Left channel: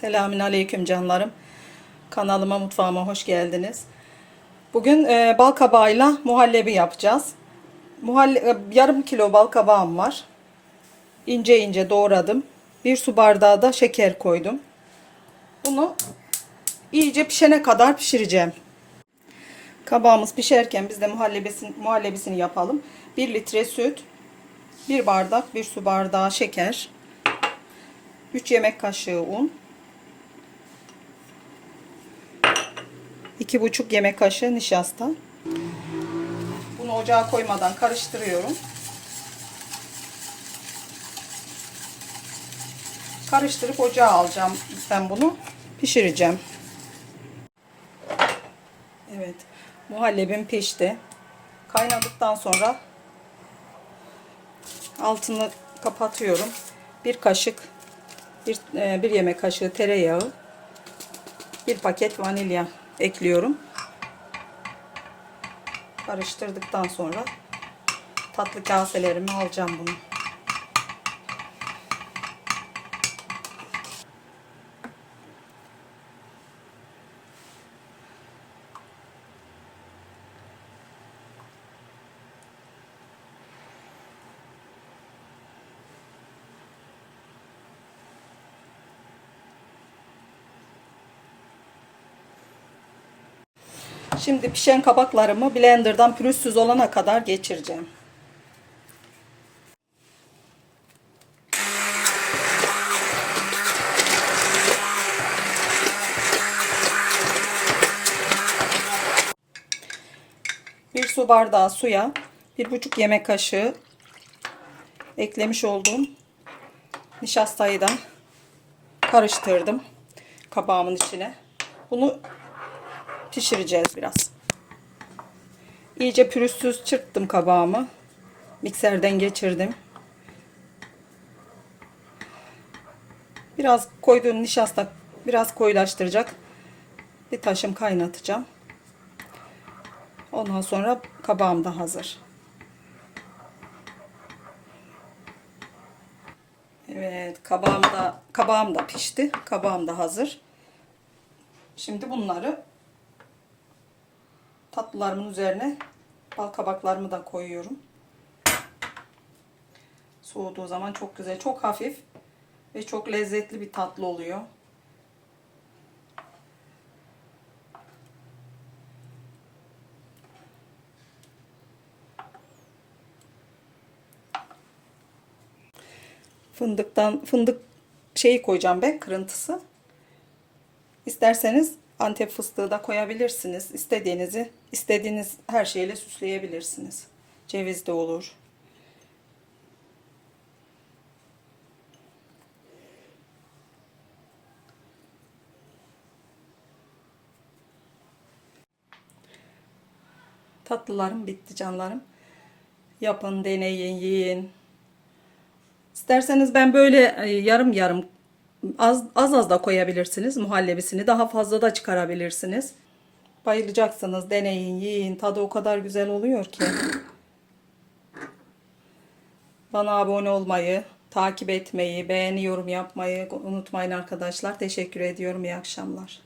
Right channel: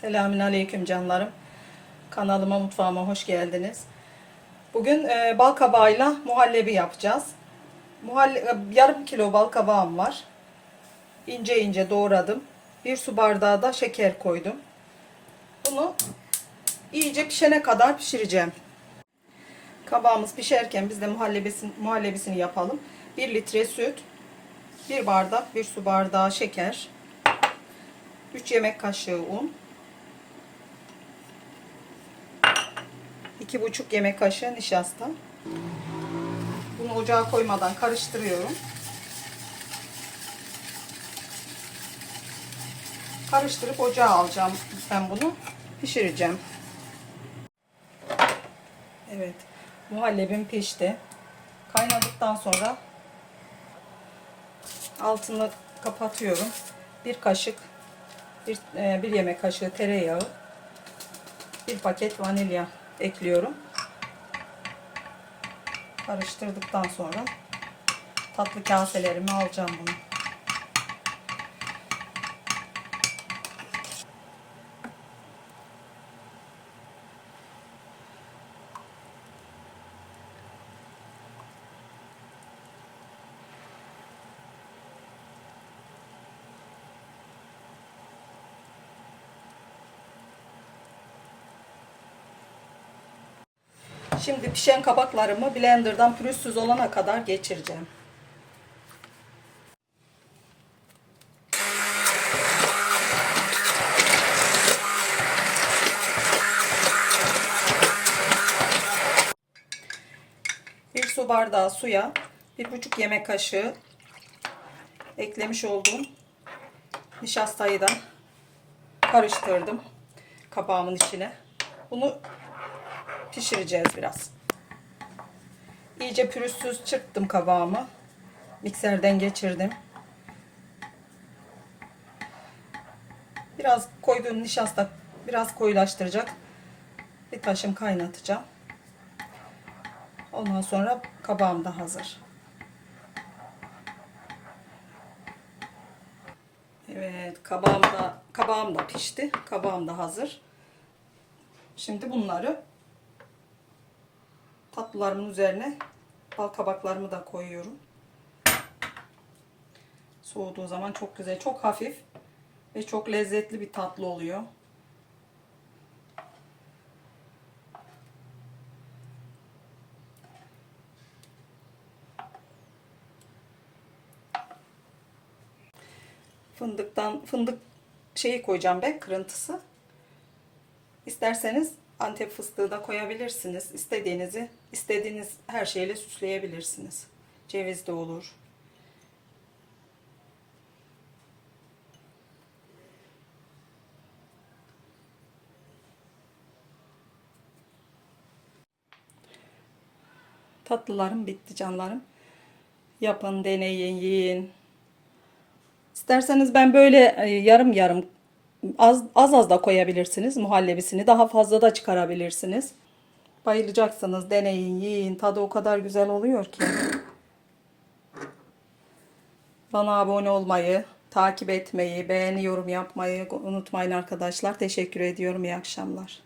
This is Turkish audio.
Selamün aleyküm canlarım. Kanalıma mutfağıma hoş geldiniz. Bugün e, bal kabağıyla muhallebi yapacağız. Muhalle, e, yarım kilo bal kabağım var. İnce ince doğradım. Bir su bardağı da şeker koydum. Bunu iyice pişene kadar pişireceğim. Kabağımız pişerken biz de muhallebisini, muhallebisini yapalım. 1 litre süt, 1 bardak, 1 su bardağı şeker, 3 yemek kaşığı un, 2,5 yemek kaşığı nişasta. Bunu ocağa koymadan karıştırıyorum. Karıştırıp ocağa alacağım ben bunu. Pişireceğim. Evet. Muhallebim pişti. Kaynadıktan sonra altını kapatıyorum. Bir kaşık bir, e, bir yemek kaşığı tereyağı bir paket vanilya ekliyorum. Karıştırdıktan sonra tatlı kaselerimi alacağım bunu. Şimdi pişen kabaklarımı blenderdan pürüzsüz olana kadar geçireceğim. Bir su bardağı suya bir buçuk yemek kaşığı eklemiş olduğum nişastayı da karıştırdım kabağımın içine. Bunu pişireceğiz biraz. İyice pürüzsüz çırptım kabağımı. Mikserden geçirdim. Biraz koyduğum nişasta biraz koyulaştıracak. Bir taşım kaynatacağım. Ondan sonra kabağım da hazır. Evet, kabağım da kabağım da pişti. Kabağım da hazır. Şimdi bunları tatlılarımın üzerine bal kabaklarımı da koyuyorum. Soğuduğu zaman çok güzel, çok hafif ve çok lezzetli bir tatlı oluyor. Fındıktan fındık şeyi koyacağım ben kırıntısı. İsterseniz Antep fıstığı da koyabilirsiniz. İstediğinizi, istediğiniz her şeyle süsleyebilirsiniz. Ceviz de olur. Tatlılarım bitti canlarım. Yapın, deneyin, yiyin. İsterseniz ben böyle e, yarım yarım az az, az da koyabilirsiniz muhallebisini. Daha fazla da çıkarabilirsiniz. Bayılacaksınız. Deneyin, yiyin. Tadı o kadar güzel oluyor ki. Bana abone olmayı, takip etmeyi, beğeni, yorum yapmayı unutmayın arkadaşlar. Teşekkür ediyorum. İyi akşamlar.